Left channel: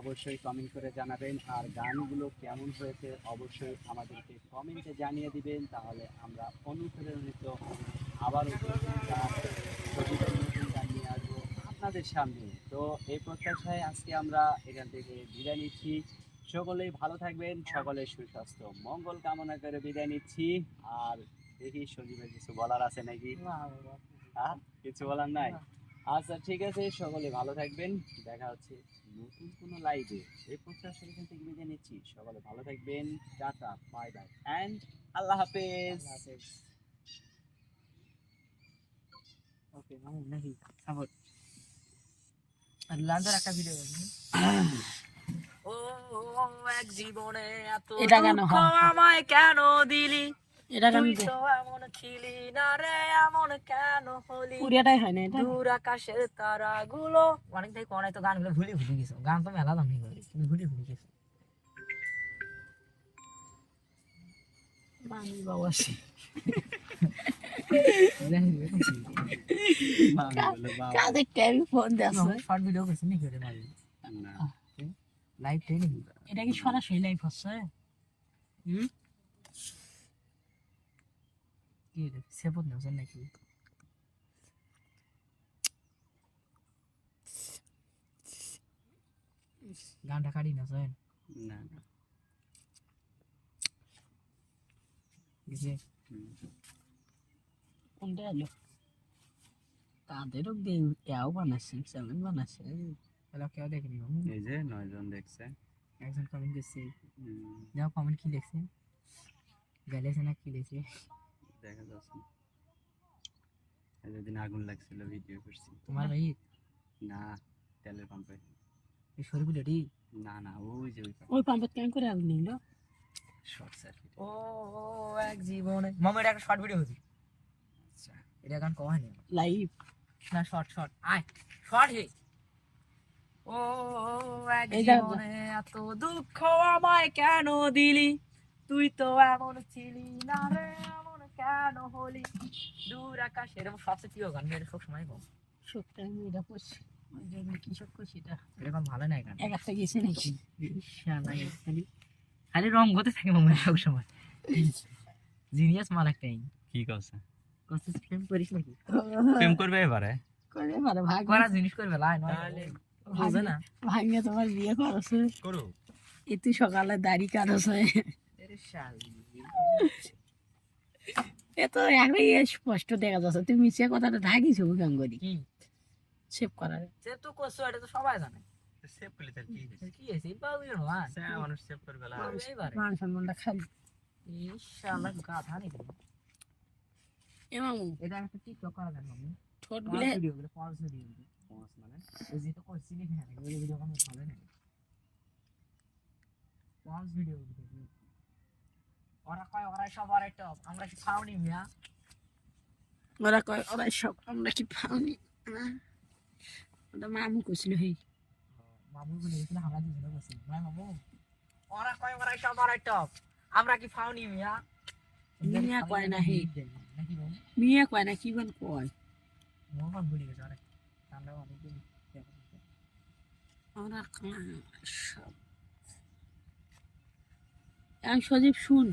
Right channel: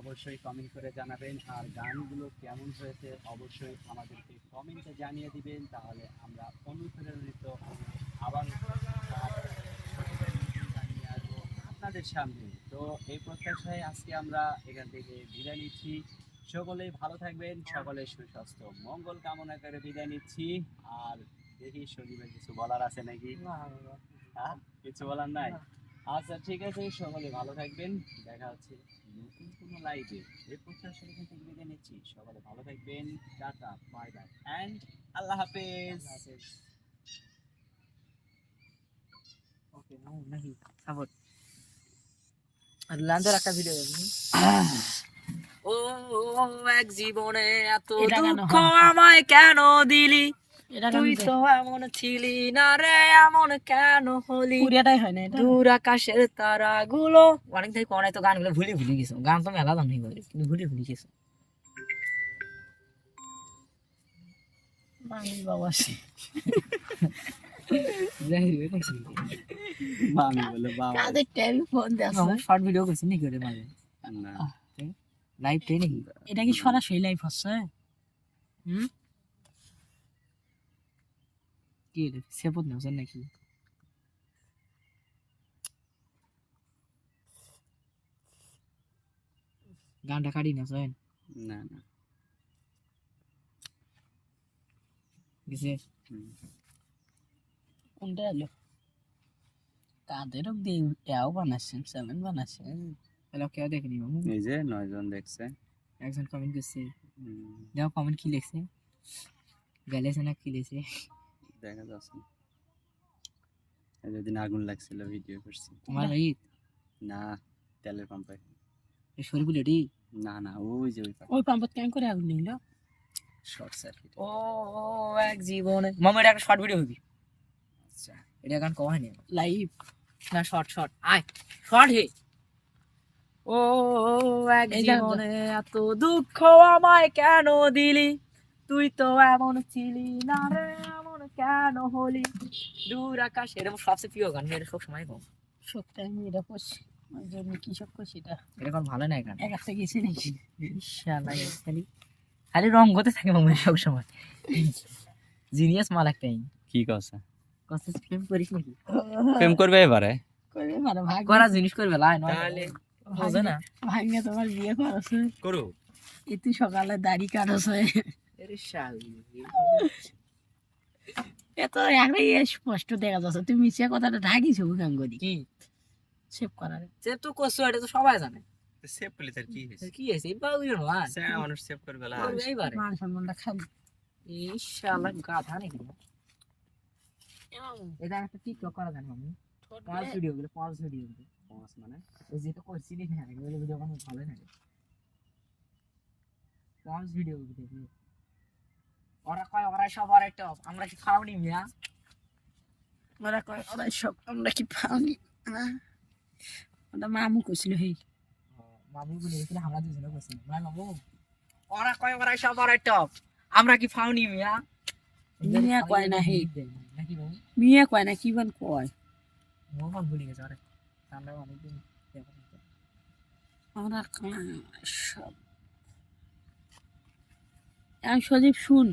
অবশ্যই কমেন্ট করে জানাবেন, আর গানগুলো কেমন হয়েছে অবশ্যই আমাদেরকে কমেন্টে জানিয়ে দিবেন, তাহলে আমরা অনুপ্রেরণিত হয়ে আবারও নতুন গান সজীবের নতুন গান নিয়ে আসবো আপনাদের সামনে। তো এই প্রত্যাশায় আজকে আমরা এখান থেকে বিদায় নিচ্ছি। সকলেই ভালো থাকবেন, সকলের সুস্বাস্থ্য মঙ্গল কামনা করে বিদায় নিচ্ছি। আর দেখি সজীবের কিছু বলার আছে নাকি? হ্যাঁ, কিছু বলার নাই? আচ্ছা ঠিক আছে, সকলে ভালো থাকবেন, দেখা হচ্ছে নতুন কোনো লাইভে। এই প্রত্যাশা এখান থেকে বিদায় নিচ্ছি, সকলে ভালো থাকবেন, টাটা, বাই বাই অ্যান্ড আল্লাহ হাফেজ। ওকে নাকি সাপোর্ট আর লাঞ্জের একটা ভিডিও দেখি। ও এক জীবনে এত দুঃখ আমায় কেন দিলি, তুই তো এমন ছিলি না রে, এমন কেন হলি, পুরিয়াটাই হয় না এটা। দূর আকাশের তারাগুলো অনেক থেকে কোন তো গানগুলো ভুলে গেছো, গান তো মেলা দাম নেই কিন্তু ভুলে গেছো। মামি বাবা কাদের টেলিফোন দেছে শর্ট ভিডিও করছিস নাকি ওরে মানে লাইভ ট্রেনিং? এটা কি সরাসরি লাইভ হচ্ছে? কি রে সেপত নছেন নাকি? গানটা কাটি না জয়েন না না কিসে কোনটা এলো কাদেরও দিয়ে এও বানাচ্ছে সেভেন বানাচ্ছে হ্যালো কেউ দেখেনি মামু? এই যে 9 জন দেখছে, একজন কমেন্ট করছে, দেখো কমেন্ট কি লিখছে, গেলেছে না কি লিখছে দেখা যাচ্ছে। যেদিন আগুন লাগছিল ভিডিও করছি। তোমার ভাই না, তেলের পাম্পে। এই শরীফুল এটি? না না, ওই যে ওই পাম্পত কেন করে আগুন নিল? Short circuit. ও এক জীবনে মামা এটা একটা শর্ট ভিডিও হবি। আচ্ছা এটা গান কওয়া হয়নি লাইভ না, শর্ট শর্ট আয় শর্ট হে। ও এক জীবনে এত দুঃখ আমায় কেন দিলি, তুই তো এমন ছিলি না রে, এমন কেন হলি, দূর আকাশে। এরকম সবচেয়ে প্রিয় গান, এটা সব সময় গাও সবটা আমি এটা করছি জন্য কি সব করছি এটা এখন ভালো না গান এক একটা গেছে নাকি ইনশাআল্লাহ খালি খালি রং করতে থাকে মামা সব সময়। জিনিয়াস মাল একটাই। কি কথা কত প্রেম করিস নাকি? প্রেম করবে এবারে? করবে মানে ভাগ করা জিনিস করবে লাই নয় তাহলে হবে না। ভাগ্নে তোমার বিয়ে করছে করো, এ তুই সকালে দাড়ি কাটছে এর শালি এত একবারে স্পষ্ট দেখা যাচ্ছে তুমি মিছে কথাটা ঢাকিছো কেন করি কি সেভ করার সেভ তো করছো, এটা তো সবাই জানে। সেভ করলে তার কি হইছে? কি হইছে বাউইর না সে মানুষ সেভ করবে না এইবারে মান সম্মানটা খালি ইনশাআল্লাহ গাধা নাকি এমামু এটা একটা টিকটক করা জানো আমি ছোট ভিডিওগুলো পজ ভিডিওগুলো পজ মানে ওই যেটা করছি দেখে না ওই ভিডিও কোনো ভালো না পজ ভিডিওগুলো দেখি ওরা কয় ওরা সব আর একটা আমরা কি খাওনি মিয়া, ওরা কয় ওরা সব আমরা কি খাওনি ওটা মামু কইছিল হে মামু বলেছিল আমরা দুজনে কইছি ভাই মামু ওরা কয় ওরা সব আর একটা আমরা কি খাওনি মিয়া, মিয়া কয় না হে নাকি মিয়া কয় না কি বল কয় মোহাম্মদ বলি গেছে আরে আমরা অনেক দিন আমরা সব আমি সজীব শুন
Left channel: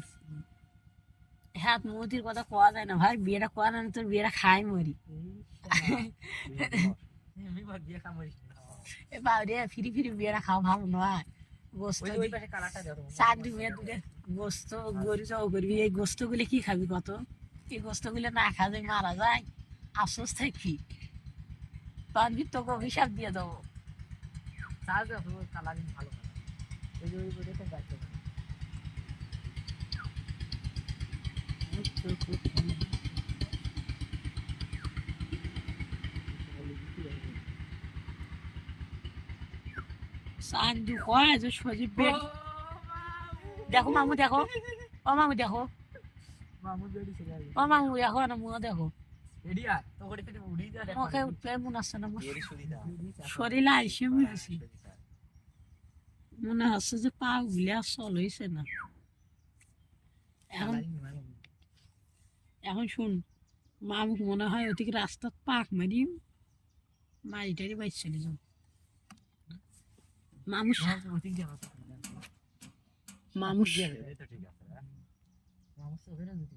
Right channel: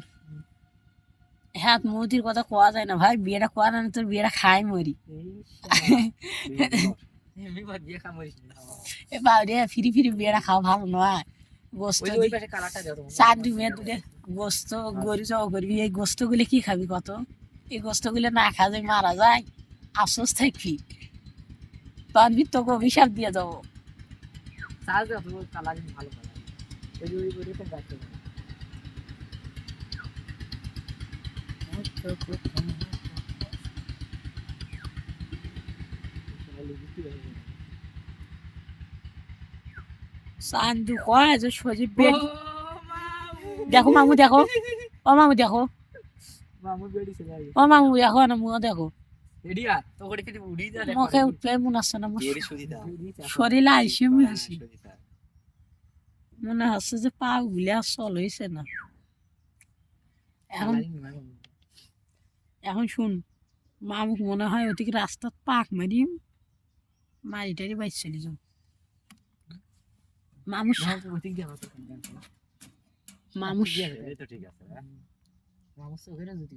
হ্যাঁ মোদির কথা কোয়া যায় না ভাই, বিয়েটা কোয়া না তোর বিয়েটা খাই মরি বাড়ি ফিরি ফিরি বিয়েটা খাওয়া ভালো নয়। গোস্ত চারটি মেয়ে দূরে গোস্ত গরু চাও করবি, এই গোস্ত গুলি কি খাবি কত, এই গোস্ত গুলি না খা যায় মারা যায় আফসোস থাকবি পারবি তোকে অভিশাপ দিয়ে দেবো। সান্দু কয় যে সজীব দেখো মামু দেখো ও মামু দেখো ও মামু দেখো না মুখ দেখো মুখে উঠলে মনে আসছে না শরীরে আইসে হয়েছে মনে হচ্ছে যে পা গুলি আর চল হয়েছে না। এখন এখন শুন মামুক মনে হয় ওদিকে রাস্তার পাক মারি মারি টারি বাইর চলে যাও মামুস মামুস এই তো ঠিক আছে, হ্যাঁ। মামুস ওখানে যদি